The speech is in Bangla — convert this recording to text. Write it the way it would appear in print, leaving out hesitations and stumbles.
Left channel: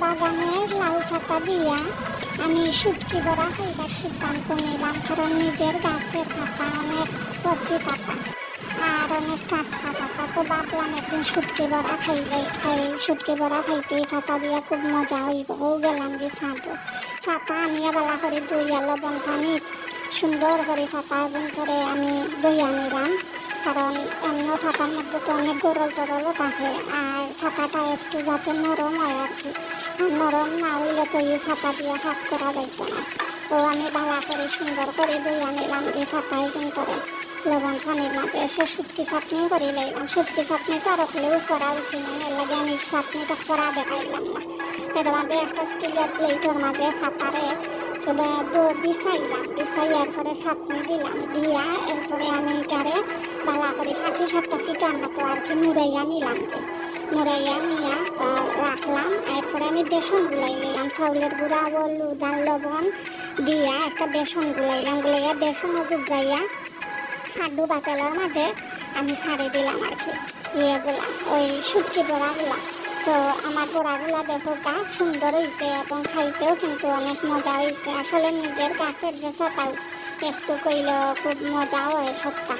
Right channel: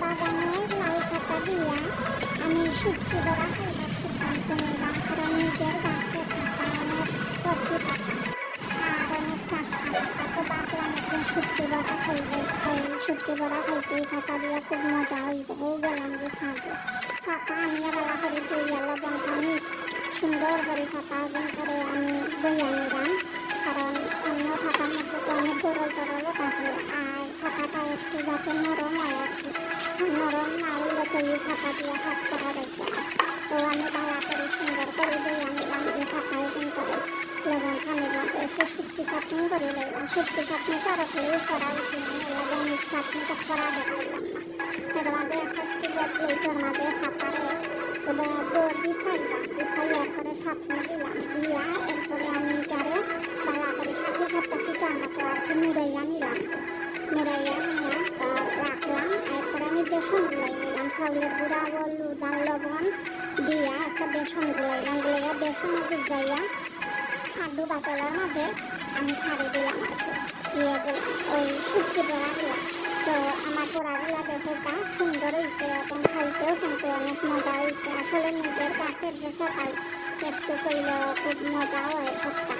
বাগানের লাউ পাতা দিয়া আমি শুটকি বড়া খাইবার সিদ্ধান্ত নিলাম, কারণ নিজের গাছে থাকা অনেক কচি পাতা আর অনেক টাটকা পাতা, তো ভাবলাম একদিন শুটকি বড়া শুটকি বড়া খাইতেই পাতা দিয়া খুব মজা হইব। গেলাম যে ছাদে পাতা আনিয়া বেলা করে দইয়া লবণ পানি সুন্দর করে পাতা করে আমি দইয়া নিলাম, কারণ অন্য পাতার মধ্যে তো অনেক গরল গরলও থাকে আর পাতাটা একটু যাতে নরম হয় আর কি। নরম না হইলে তো এই পাতা দিয়ে কাজ করা যাইত না। তো আমি ভালো করে সুন্দর করে দইয়া নিলাম এই পাতায় করে লবণ পানির মাঝে এসে শুটকি চাটনি করে নিলাম। শুটকি চাটনি তো আরো খেলেও করা উচিত, লাগে মিক্স চাটনিটা করা দেখাইলাম না। এর মধ্যে একটা স্টিলের প্লেটের মাঝে পাতারে বিছাইয়ার পরে চাটনি দিলাম, দিয়া এরপরে আমি এটারে ভালো করে পাটি সাপটা পিটার মতো আর কি মুড়াইয়া নিলাম। মুড়াইয়া নিয়ে রাখলাম। এরপরে আমি বেসন গুলাই নিলাম, চাউলের গুঁড়া হলুদ আর লবণ দিয়া একটা বেসন গুলাইলাম। গুলাইয়া বেসন জুগাইয়া হাড্ডু বাটালার মাঝে আমি ছাড়ে দিলাম আর কি ইয়েগুলা, ওই শুটকি বড়াগুলা। তো আমার বড়াগুলা দেখো সুন্দর হয়েছে এবং খাইতেও কিন্তু অনেক মজা হয়েছে। আসলে নিজের গাছের যে সকাল একটু কইলেও খুব মজা হয় সবটা।